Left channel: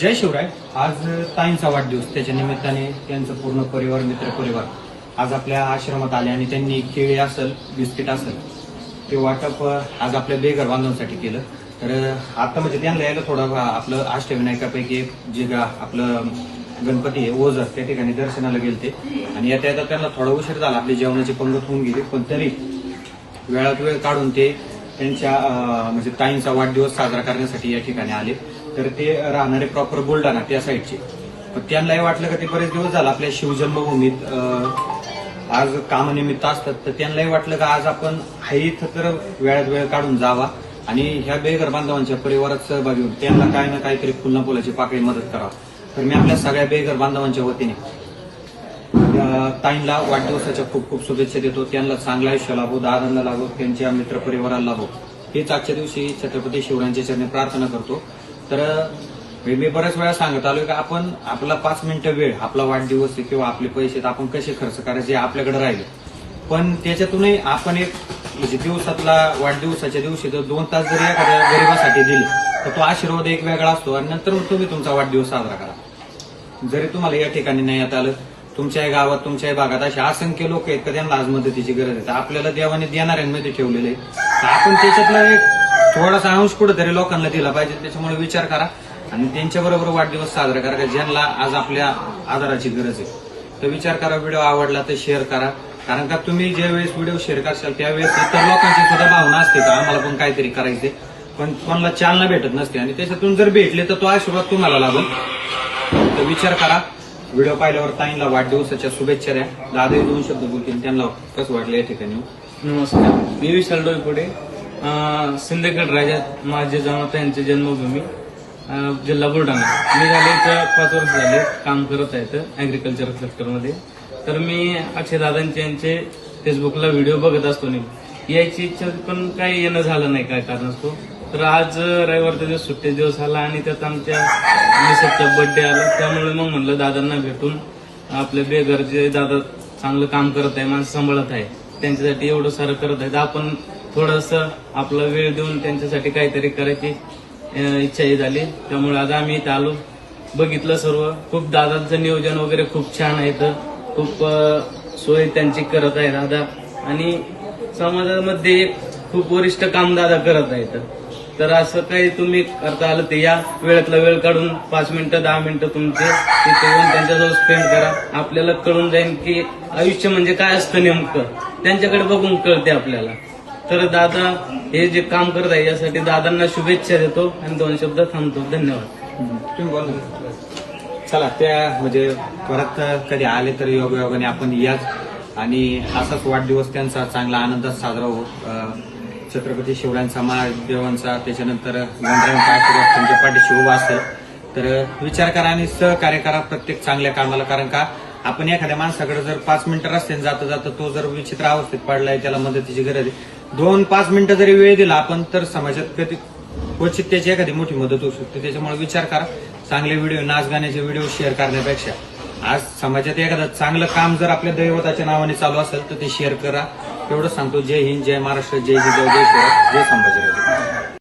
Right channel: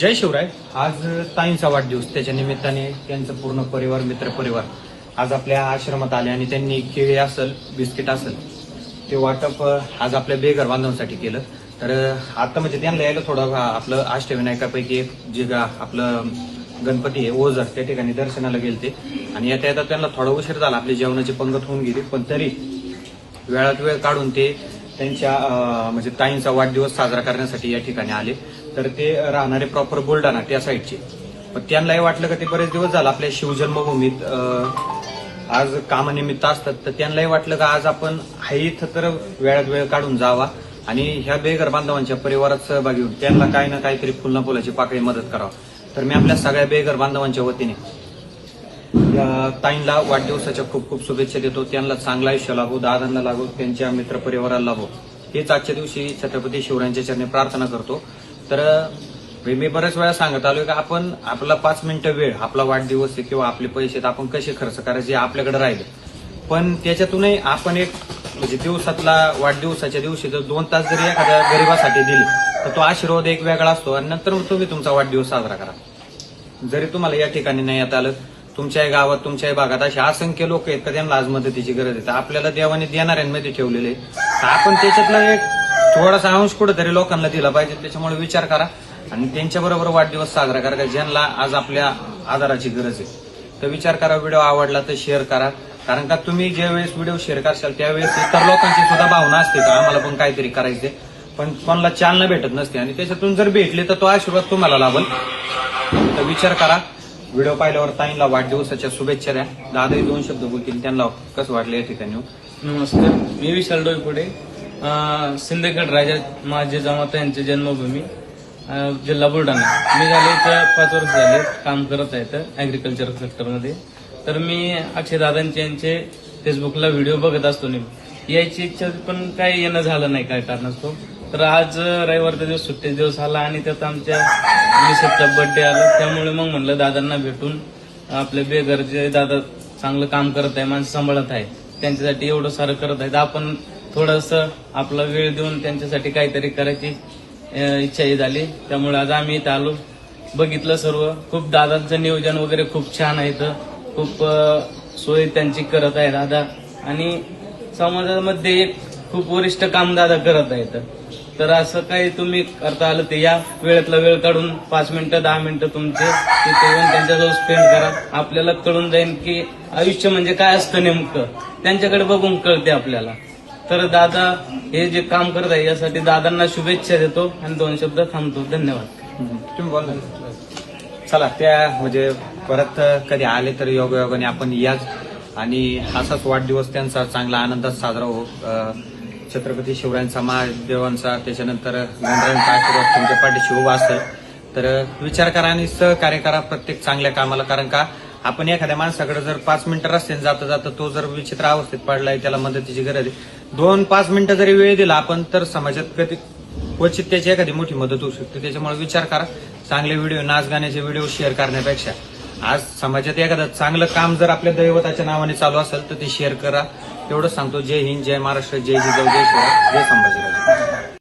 जय शिवराय. आज ताईंचा वाढदिवस, त्याच्या निमित्ताने त्यांचं पूर्ण परिवार, मित्रपरिवार आज आपल्या आश्रमात आले आणि त्यांनी केळी असेल, बिस्किट असेल ते वाटप आज आपल्या बेघर बांधवांसाठी केलं. तर आता म्हणजे त्यांना यायला थोडं आपलं अष्टविनायकापैकी एक जे आपलं गणपती आहे ओझर, त्या ठिकाणी दर्शनाला गेलते आणि येता येता त्यांना थोडा उशीर झाला. आपली जेवणाची पंगत होऊन गेली, पण तरी वेळात वेळ काढून ते त्यांच्या म्हणजे ताईंचा वाढदिवस साजरा करण्यासाठी या ठिकाणी आले. तर ते राहणारे प्रॉपर बुलढाणा त्या साईडचे, पण त्यांनाही वाटलं का ते बरेच दिवस झालं आपल्या शिवजन्मभूमीत आज कामानिमित्त असतात, तर त्यांनाही वाटलं का आज आपण हाय इथं तर वेळात वेळ काढून जावा आणि ह्या बेघर बांधवांच्या परिवारात सहभागी होऊन त्यांना काही ना काहीतरी पुन्हा फुलाची पाकळी मदत करावं. तर मी आपल्या सगळ्या बेघर बांधवांच्या वतीने ताईंना वाढदिवसाच्या खूप खूप शुभेच्छा देतो. त्यांना चांगला आयुष्य लाभो, दादांना लाभो, त्यांच्या मित्रपरिवाराला लाभो, हेच आजच्या दिवशी छत्रपती शिवरायांच्या चरणी प्रार्थना करतो. तर मी बऱ्याच वेळा सांगत आलोय की आपण आपला 5 मिनिटं वेळ, आपला वाढदिवस आहे किंवा आपले पैसे आपण कसे खर्च करायचे आपल्याकडे राहिले, पण त्याच्यातूनही आपण एक म्हणजे दिवसातला वाढदिवसाच्या दिवशी जर 2 तास जरी एखाद्या गरिबासाठी दिले तर तो आशीर्वाद एक वेगळा असतो आणि नंतर मग तुम्ही तुमचा वाढदिवस साजरा करा. जरी तुम्हाला या ठिकाणी नाही येता आलं, तुमच्या गावात, तुमच्या भागात असे असंख्य लोक आहेत का त्यांना आज मदतीची गरज आहे, तर आपल्याला देवाने देणाऱ्यांमध्ये ठेवलेले आहे, तर आपण त्याच्यातला एक थोडासा अंश कुठेतरी लोकांना दिला पाहिजे. त्याच्यामुळे विचार करा आणि त्यांच्याबरोबर वाढदिवस साजरा करा ज्यांना आज आपल्या आधाराची गरज आहे. तर विचार करा, व्हिडिओ आवडला तर शेअर करा, कारण का तुम्ही ज्यावेळेस व्हिडिओ शेअर करशाल त्यावेळेस इतर लोकांची सुद्धा भावना असते का आम्हाला पण काहीतरी करायचे, पण कोणाला चालना भेटत नसते आणि त्याच्यातून जर भेटले तर तो आशीर्वाद तुम्हाला लाभेल. तर विचार करा. व्हिडिओ पाहिल्यावर ताईंना वाढदिवसाच्या शुभेच्छा द्या. दादाही 2 शब्द बोलतील, त्यांना कसं वाटलं या ठिकाणी. नमस्कार, मी विशाल डोईफोडे, सिंदखेड राजा माझे जमाता यांची जन्मभूमी, जिल्हा बुलढाणा. मी झाले इथं 5 वर्ष झाले काम करत आहे ऍग्रिकल्चर सेक्टरमध्ये. तर मी अक्षय दादांचे यांचे फेसबुकला व्हिडिओ बघत असतो. नेहमी यायची इच्छा पण काही येणं झालं नाही काय कारणास्तव. तर आज रविवारचा दिवस, सुट्टी दिवस आला आणि त्यात आमच्या मिसेसचा बर्थडे आला, त्यामुळे मग म्हणलं दादांना भेटून आपले बेघर जे दादा चांगलं काम करत आहे, माणसं सांभाळत आहे, त्यांच्यासाठी एवढं सारं करत आहे, तर आपण थोडंसं आपला वेळ देऊन त्यांच्यासाठी काहीतरी करायची इच्छाही झाली. त्यामुळे आज आम्ही इथं आलो, बघितलं सर्व. खूप दादांचं नियोजन वगैरे खूप छान आहे, इथं खूप सोय त्यांची करत आहे दादा आणि समाजामध्ये एक खूप वरिष्ठ काम दादा करत आहेत. तर असं काही तुम्ही करता आलं तर या वेळातला वेळ काढून 5 मिनिटं 10 मिनिटं तुमचे तिथे येऊन त्यांच्याजवळ स्पेंड करा. आपल्याला कळून जाईल की आयुष्य म्हणजे काय असतं नेमकं, त्यांच्याकडे बघून कळते आपल्याला. तर दादा हे जे काम करत आहे यासाठी दादांना शुभेच्छा देतो आणि 2 शब्द थांबतो. धन्यवाद. चला, त्या म्हणजे परत कधी आले तर योगायोगाने आपण याच आणि असाच वाढदिवस त्यांचा चांगला आनंदात साजरा हो. छत्रपती शिवरायांचा, महादेवांचा, त्याच्यानंतर गणरायांचा आशीर्वाद तुमच्या पाठीशी उभा असेल. तर विचार करा आणि सहकार्य करा प्रत्येक चांगल्या कामाला, कारण का आपण एखाद्या माणसाकडे जर 5 मिनिटं रस्त्याने जाता जाता तो जर विचित्र अवस्थेत पडलाय, त्याला मदतीची गरज आहे, 2-5 मिनिटं जरी वेळ दिला आपण तर समाजात कधी क्वचित त्याची एखादी मोठी मदत होऊ शकते. त्याच्यामुळे विचार करा. चांगले व्हिडिओ, नाच गाण्याचे व्हिडिओ शेअर करण्यापेक्षा आज समाजात एखादं चांगलं काम जर आपल्या दैवताच्या नावाने चालू असेल तर ते शेअर करा. एवढं सांगतो. जय हिंद, जय महाराष्ट्र, जय जिजाऊ, जय शिवराय, जय संभाजीराजे.